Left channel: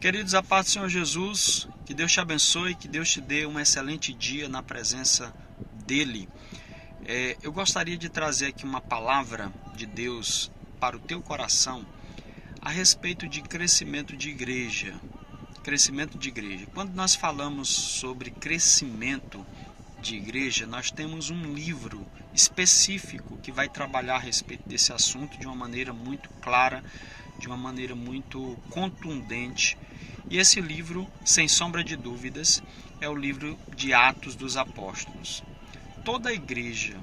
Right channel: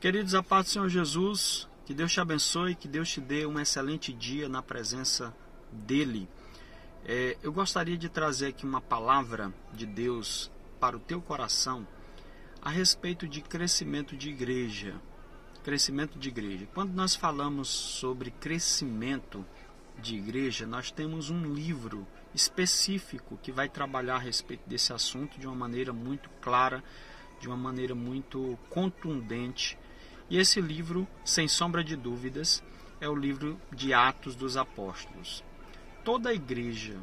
Queridos, a paz do Senhor Jesus, que Deus te abençoe, que Deus te dê um excelente dia na presença dEle. Eu gostaria de trazer aqui uma palavra de Deus para o teu coração a respeito de crescimento de igreja. Crescimento de igreja. Quando nós falamos sobre crescimento de igreja, nós temos um livro específico que vai trabalhar a respeito desse assunto de uma maneira muito clara, de uma maneira muito contundente. E esse livro, sem sombra de dúvidas, é o livro de Atos dos Apóstolos. Toda igreja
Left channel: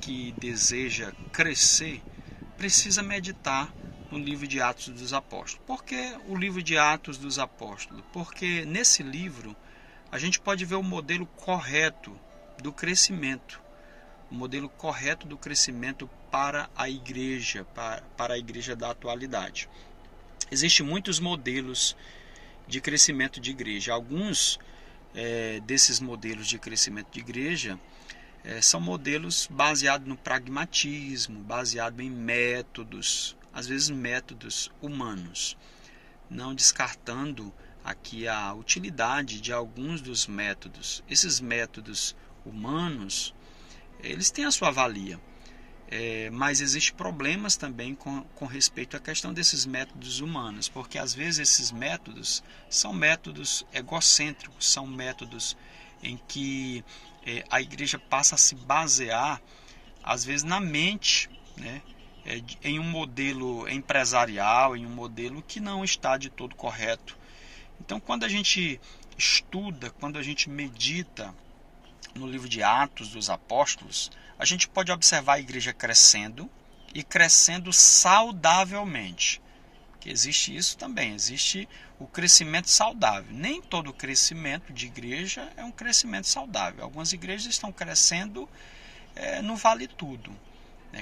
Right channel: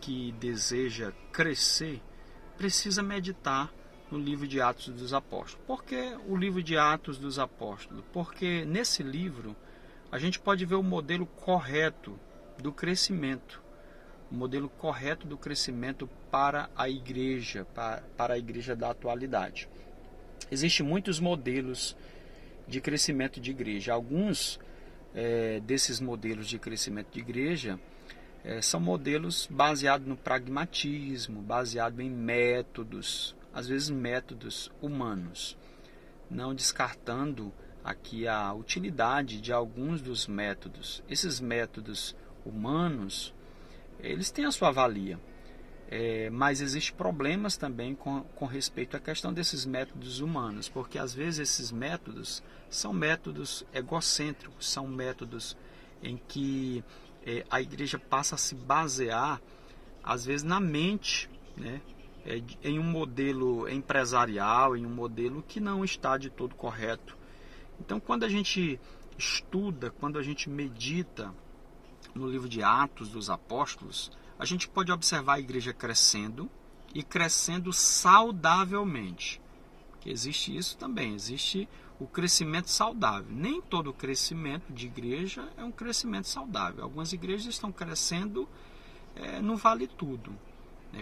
que deseja crescer precisa meditar no livro de Atos dos Apóstolos. Por que o livro de Atos dos Apóstolos? Porque nesse livro a gente pode ver o modelo correto do crescimento. O modelo correto do crescimento para a igreja da atualidade. Existem muitos modelos de crescimento de igreja. Alguns desses modelos de crescimento de igreja são modelos baseados no pragmatismo, baseados em métodos, às vezes métodos humanos, não descartando aqui a utilidade de alguns dos métodos. Esses métodos humanos, eles têm a sua valia, mas existem problemas também com respeito à questão desses métodos humanos, porque às vezes esses métodos são métodos egocêntricos, são métodos em que a igreja passa a se basear, às vezes, na mente, em um modelo empresarial, em um modelo que não está de todo correto. Então, quando a gente estuda, quando a gente medita no livro de Atos dos Apóstolos, a gente pode observar a igreja crescendo e crescendo saudavelmente. Que existe isso também, existe o crescimento saudável. Nem todo crescimento de igreja é um crescimento saudável. Algumas igrejas estão crescendo no vale tudo,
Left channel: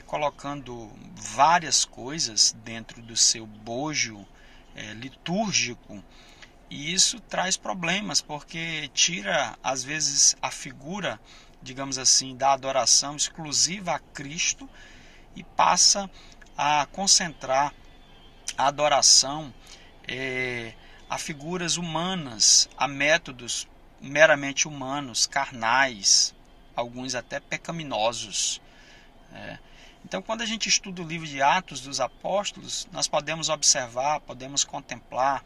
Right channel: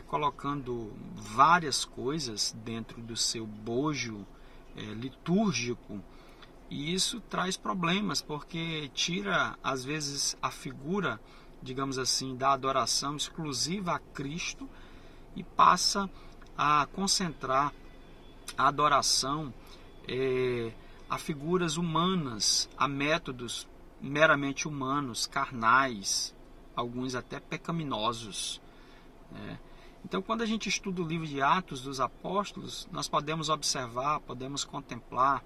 colocando várias coisas dentro do seu bojo litúrgico, e isso traz problemas, porque tira, às vezes, a figura, digamos assim, da adoração exclusiva a Cristo e passa a concentrar a adoração a figuras humanas, a métodos meramente humanos, carnais, alguns até pecaminosos. Então, quando a gente estuda o livro de Atos dos Apóstolos, nós podemos observar, podemos contemplar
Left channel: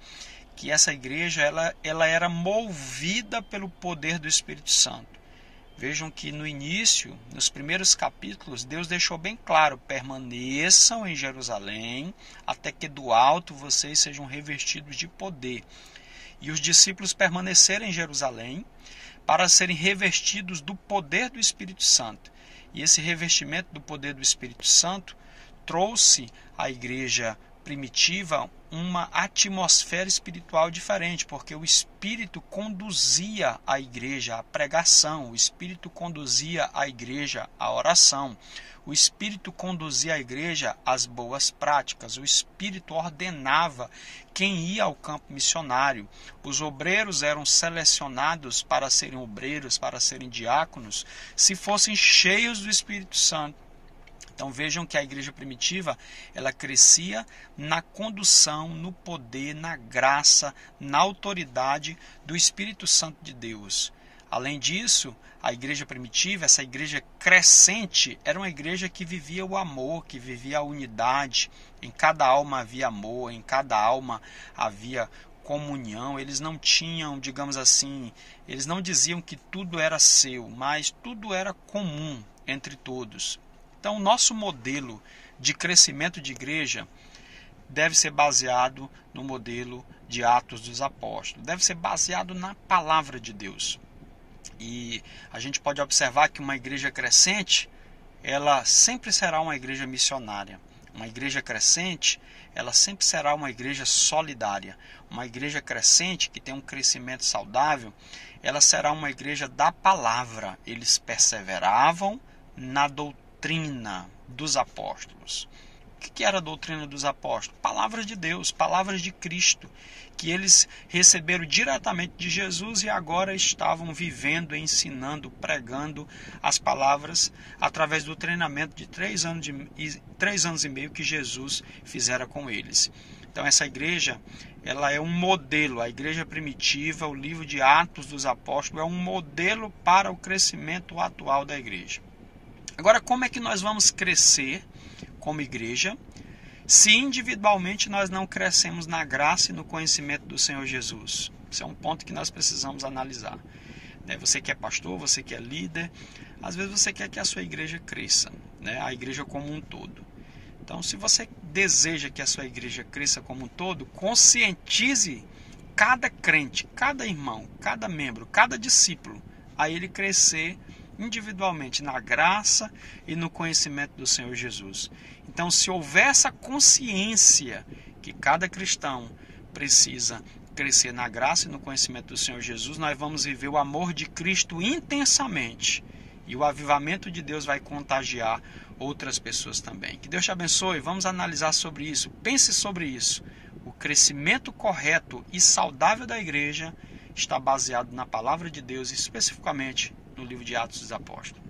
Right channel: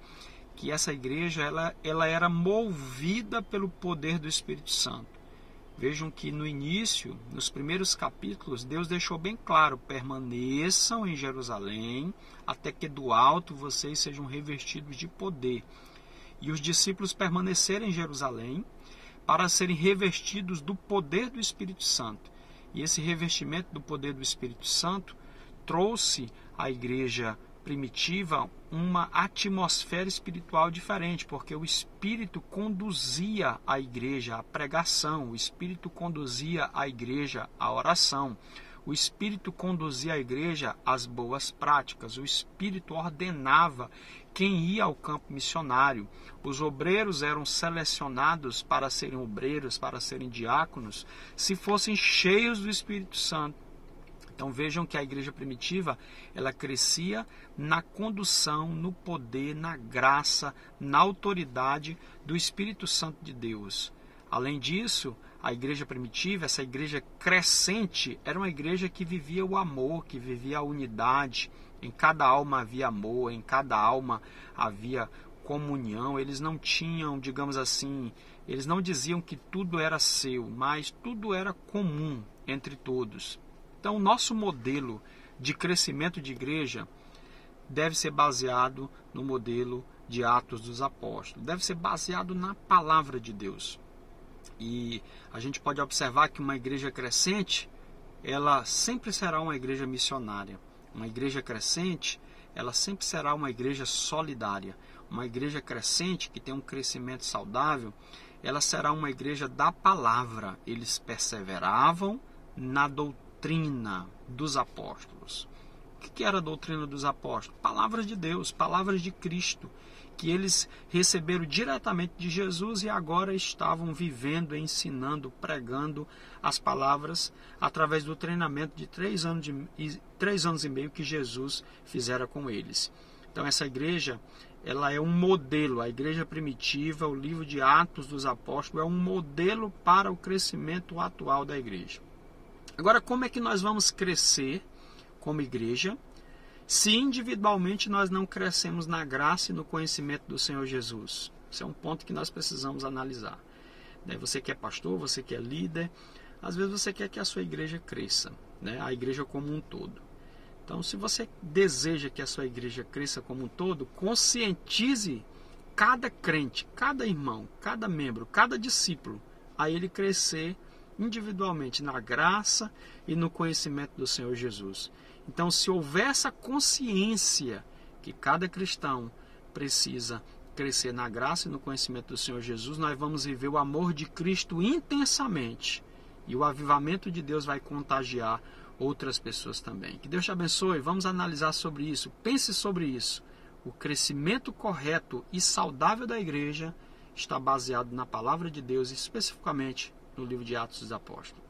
que essa igreja ela era movida pelo poder do Espírito Santo. Vejam que no início, nos primeiros capítulos, Deus deixou bem claro: permaneçam em Jerusalém até que do alto vocês sejam revestidos de poder. E os discípulos permaneceram em Jerusalém para serem revestidos do poder do Espírito Santo. E esse revestimento do poder do Espírito Santo trouxe à igreja primitiva uma atmosfera espiritual diferente, porque o Espírito conduzia a igreja à pregação, o Espírito conduzia a igreja à oração, o Espírito conduzia a igreja às boas práticas, o Espírito ordenava quem ia ao campo missionário, os obreiros eram selecionados para serem obreiros, para serem diáconos, se fossem cheios do Espírito Santo. Então vejam que a igreja primitiva, ela crescia na condução, no poder, na graça, na autoridade do Espírito Santo de Deus. Além disso, a igreja primitiva, essa igreja crescente, era uma igreja que vivia o amor, que vivia a unidade. Em cada alma havia amor, em cada alma havia comunhão. Eles não tinham, digamos assim, eles não diziam que tudo era seu, mas tudo era comum entre todos. Então, o nosso modelo de crescimento de igreja deve ser baseado no modelo de Atos dos Apóstolos. Deve ser baseado na palavra de Deus. E a gente pode observar que uma igreja crescente, ela sempre será uma igreja missionária. Uma igreja crescente, ela sempre será uma igreja solidária. Uma igreja crescente, que tem um crescimento saudável, ela será uma igreja da palavra. Eles perseveravam na doutrina dos apóstolos. O que era a doutrina dos apóstolos? Palavras de Deus, palavras de Cristo, que eles receberam diretamente de Jesus e agora estavam vivendo, ensinando, pregando as palavras através do treinamento de 3 anos e meio que Jesus fizera com eles. Então essa igreja, ela é um modelo, a igreja primitiva, o livro de Atos dos Apóstolos é um modelo para o crescimento atual da igreja. Agora, como é que nós vamos crescer como igreja se individualmente nós não crescemos na graça e no conhecimento do Senhor Jesus? Esse é um ponto que nós precisamos analisar. Você que é pastor, você que é líder, às vezes você quer que a sua igreja cresça, a igreja como um todo. Então, se você deseja que a sua igreja cresça como um todo, conscientize cada crente, cada irmão, cada membro, cada discípulo, a ele crescer individualmente na graça e no conhecimento do Senhor Jesus. Então, se houver essa consciência que cada cristão precisa crescer na graça e no conhecimento do Senhor Jesus, nós vamos viver o amor de Cristo intensamente. E o avivamento de Deus vai contagiar outras pessoas também. Que Deus te abençoe. Vamos analisar sobre isso. Pense sobre isso. O crescimento correto e saudável da igreja está baseado na palavra de Deus, especificamente no livro de Atos dos Apóstolos.